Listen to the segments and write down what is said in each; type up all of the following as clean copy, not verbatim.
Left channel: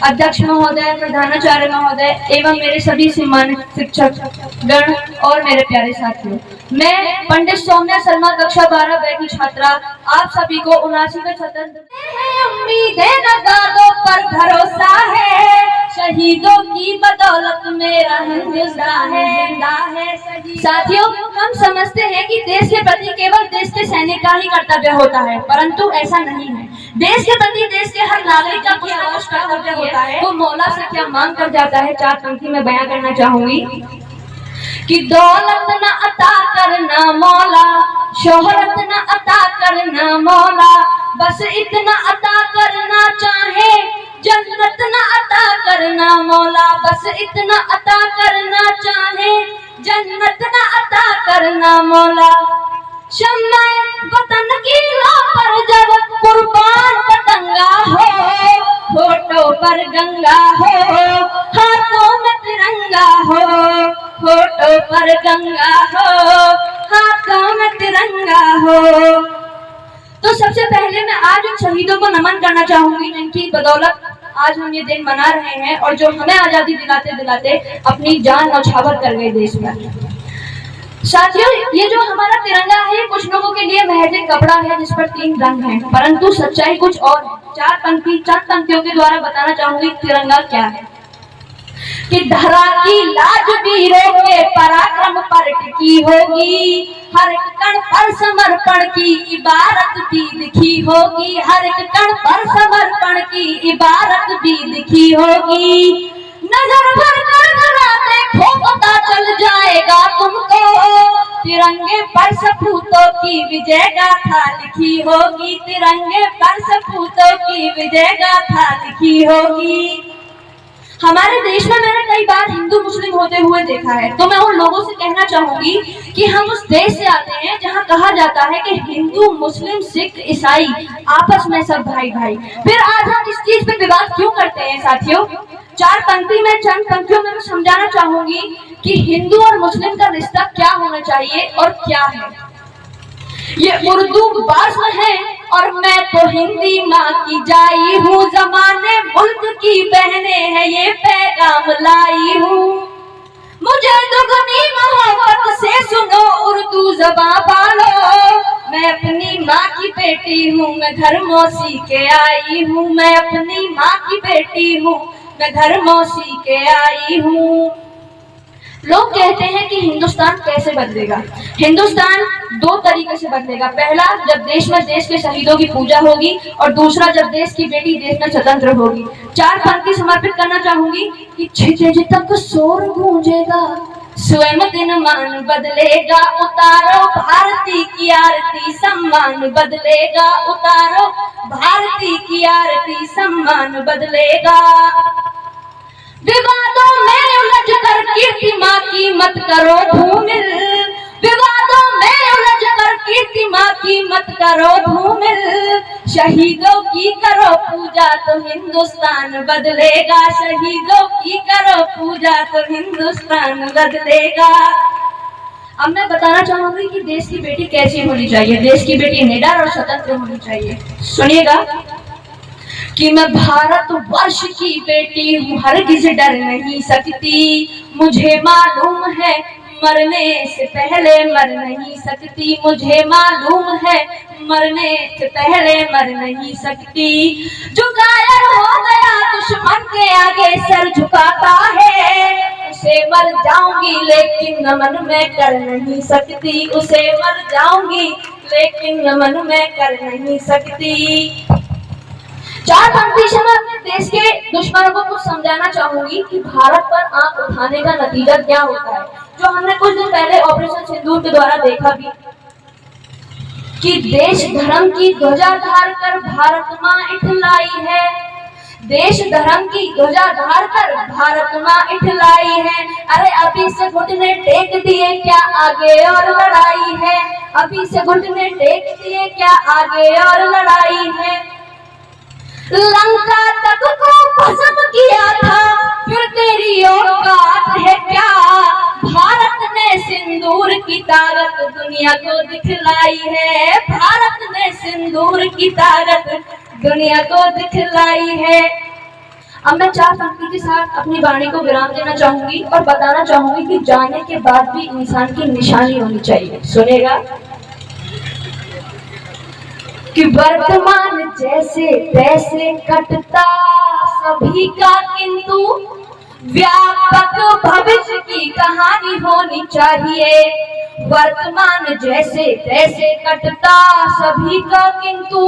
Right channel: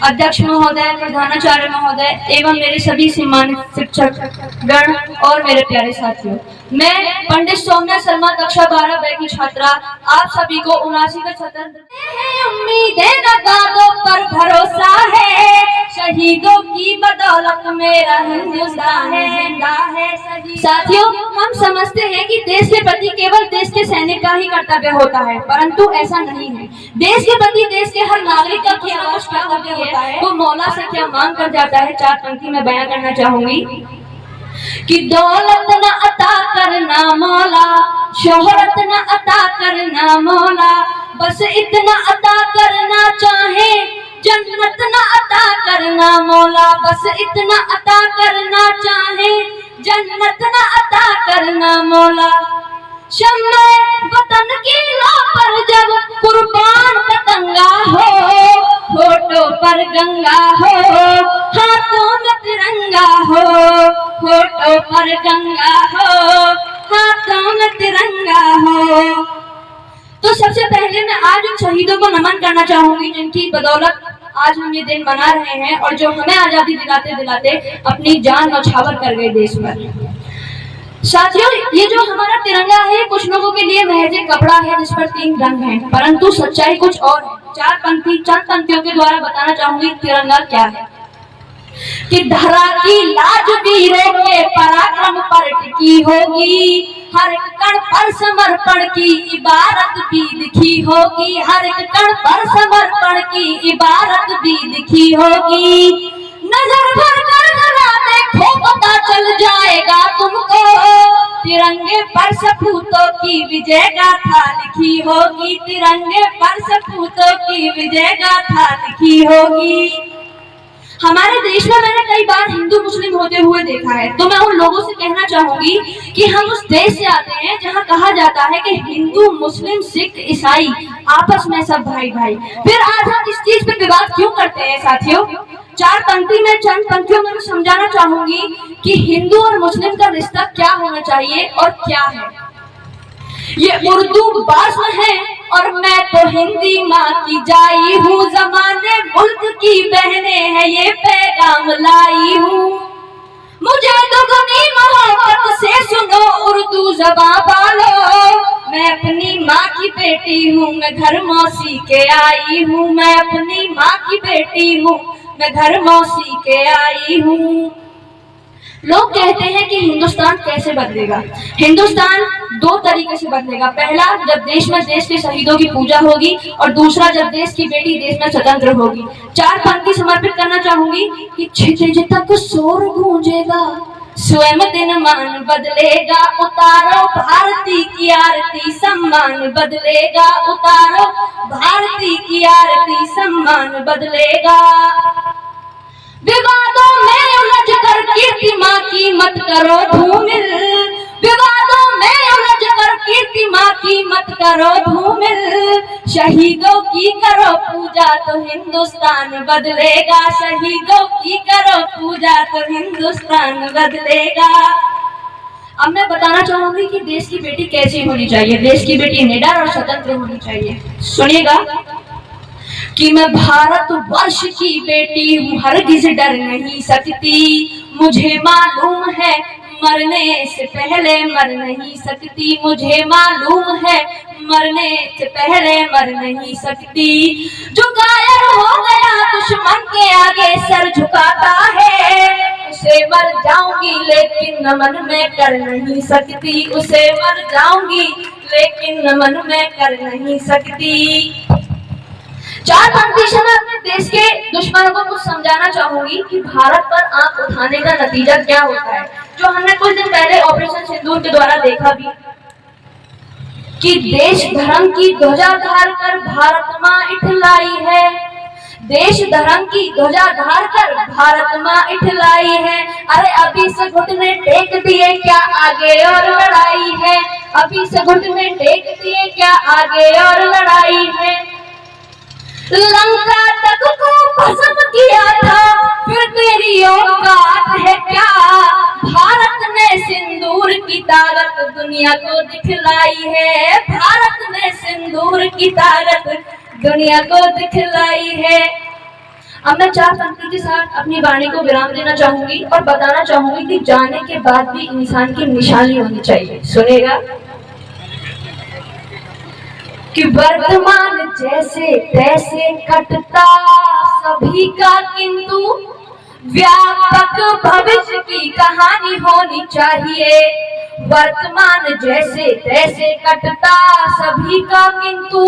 अध्यक्ष महोदय, प्रधानाचार्य महोदय एवं मेरे सभी सम्मानित शिक्षक गण और मेरे प्यारे साथियों, मैं पंडित सौम्या शर्मा कक्षा 12 की छात्रा आप सभी को 79वें स्वतंत्रता उम्मीदें नगादों पर भरोसा है, शहीदों की बदौलत मेरा हिंदुस्तान है। साथियों, हम समझते हैं कि देश के प्रति केवल देश के सैनिक का ही कर्तव्य होता है, परंतु ऐसा नहीं है। देश के प्रति देश के हर नागरिक का कुछ ना कुछ कर्तव्य होता है। तो मौला से क्या मांग कर जाता है, 4 पंक्ति में बयां करना चाहूंगी कि दौलत न अता करना मौला, शोहरत न अता करना मौला, बस इतना अता करना चाहे, जन्नत न अता करना मौला, बस इतना अता करना चाहे, जन्नत न अता करना मौला। शम्मे वतन की लो पर जब कुर्बान पतंगा हो, होठों पर गंगा हो, हाथों में तिरंगा हो, होठों पर गंगा हो, हाथों में तिरंगा हो। तो सबसे पहले मैं आज उन शहीदों को नमन करना चाहूंगी जिनकी बदौलत आज हम ये दिन मना रहे हैं और जो हमें आजादी दिलाते दिलाते अपनी जान न्यौछावर कर गए देश पर। साथियों, ये जो हमारा तिरंगा है कुछ लोगों के लिए महज एक कपड़ा है जिस पर 3 रंग हैं, परंतु सच्चाई कुछ और है। 4 पंक्तियों के द्वारा बताना चाहूंगी तिरंगा क्या है। कि धरा की लाज वीरों के पराक्रम पर टिकी होगी, हर एक कण पर समर्पण की इबारत भी लिखी होगी, हर एक कण पर समर्पण की इबारत भी लिखी होगी। नजर भर कर धरा देखो पता चल जाएगा तुमको, तिरंगे पर सपूतों की विजय गाथा लिखी होगी, तिरंगे पर सपूतों की विजय गाथा लिखी होगी। हमारे देश में मैंने कई बार हिंदू मुस्लिम होते हुए देखा है, तो मैं उन लोगों से कहना चाहूंगी कि हम उस देश से आते हैं जहां कहा जाता है कि हिंदू मुस्लिम सिख ईसाई आपस में सब भाई भाई, फिर आज हम इस चीज पे विवाद क्यों करते हैं। साथियों, 4 पंक्ति में चंद पंक्तियों में मैं समझाना चाहूंगी कि हिंदू और मुस्लिम का रिश्ता क्या होना चाहिए और क्या है। ये उर्दू भाषा है और मैं तो हिंदी माँ की जाई हूँ, जमाने मुल्क की बहने हैं ये पैगाम लाई हूँ। मुझे दुगनी मोहब्बत से सुनो उर्दू ज़बान वालों, मैं अपनी माँ की बेटी हूँ, मैं घर मौसी के आई हूँ, मैं अपनी माँ की बेटी हूँ, मैं घर मौसी के आई हूँ। लोग कहते हैं कि हिंदुस्तान कैसे बदलेगा। हिंदुस्तान 2 तरीके से बदलेगा। पहला, जब देश में देश के शहीदों की पूजा होगी, और दूसरा, जब देश की बेटी देश में स्वतंत्र होगी। 4 पंक्ति समर्पित करना चाहूंगी कि क्षितिज तक शोर गूंजेगा, स्वयं दिन मान बदलेगा, उतारो भारती की आरती, सम्मान बदलेगा, उतारो भारती की आरती, सम्मान बदलेगा। विवादों में उलझ कर कीर्ति माँ की मत करो धूमिल, विवादों में उलझ कर कीर्ति माँ की मत करो धूमिल, शहीदों की करो पूजा तो हिंदुस्तान बदलेगा, शहीदों की करो पूजा तो हिंदुस्तान बदलेगा। अब मैं बताना चाहूंगी कि देश की बेटी कैसी होनी चाहिए। देश की बेटी निडर और स्वतंत्र होनी चाहिए। सुनिएगा कि मैं भारत वर्ष की बेटी हूँ, हरगिज डर नहीं सकती, मुझे मालूम है मरने से पहले मर नहीं सकती, मुझे मालूम है मरने से पहले मर नहीं सकती। जो कायर हो गया दुश्मन के आगे सर झुकाता है, उसे मर जाऊंगी लेकिन नमन में कर नहीं सकती, उसे मर जाऊंगी लेकिन नमन में कर नहीं सकती। 4 पंक्ति से मैं अपने देश के दुश्मनों को कुछ समझाना चाहूंगी कि भारत पर आंख उठाने का नतीजा क्या होता है, जो हमने कुछ दिन पहले ऑपरेशन सिंदूर के द्वारा देखा भी, कि देश धर्म की ध्वजा धार कर भारत माँ इठलाई है, देश धर्म की ध्वजा धार कर भारत माँ इठलाई है। अरे अभी से घुटने टेक दिए क्या आगे और लड़ाई है, अभी से घुटने टेक दिए क्या आगे और लड़ाई है। लंका तक को भस्म किया था फिर तेरी औकात है क्या, भारत ने सिंदूर की ताकत दुनिया को दिखलाई है, भारत ने सिंदूर की ताकत दुनिया को दिखलाई है। अब मैं 4 पंक्ति के साथ अपनी वाणी को विराम देना चाहूंगी और बताना चाहूंगी कि जाने के बाद भी इंसान की निशानी होनी चाहिए। सुनेगा कि वर्तमान जैसे तैसे कटता सभी का, किंतु व्यापक भविष्य की कहानी होनी चाहिए। वर्तमान जैसे तैसे कटता सभी का, किंतु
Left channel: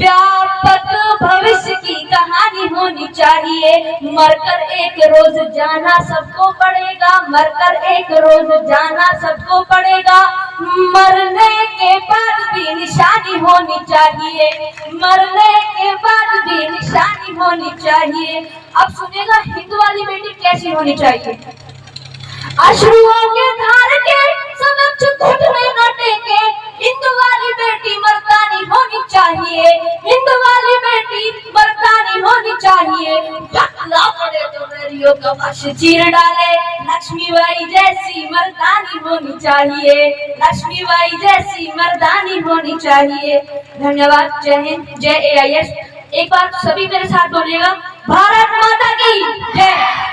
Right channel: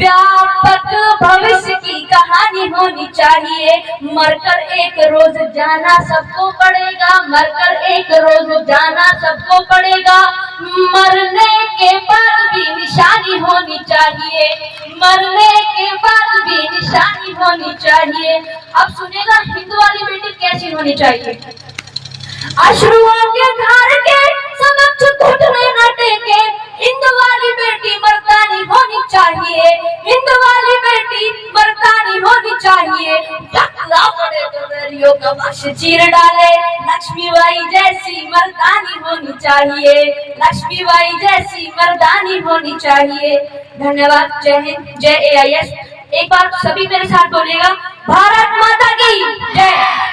व्यापक भविष्य की कहानी होनी चाहिए। मरकर एक रोज जाना सबको पड़ेगा, मरकर एक रोज जाना सबको पड़ेगा। मरने के बाद भी निशानी होनी चाहिए, मरने के बाद भी निशानी होनी चाहिए। अब सुनेगा हिंदू वाली बेटी कैसी होनी चाहिए। अश्रुओं के धार के समक्ष घुटने न टेके, हिंदू वाली बेटी मर्दानी होनी चाहिए, हिंदू वाली बेटी मर्दानी होनी चाहिए। टकला पड़े तो वैरियों का वश चीर डाले, लक्ष्मीबाई जैसी मर्दानी होनी चाहिए, लक्ष्मीबाई जैसी मर्दानी होनी चाहिए। धन्यवाद। जय हिंद, जय AIS। एक बार सभी मेरे साथ बोलिएगा, भारत माता की जय।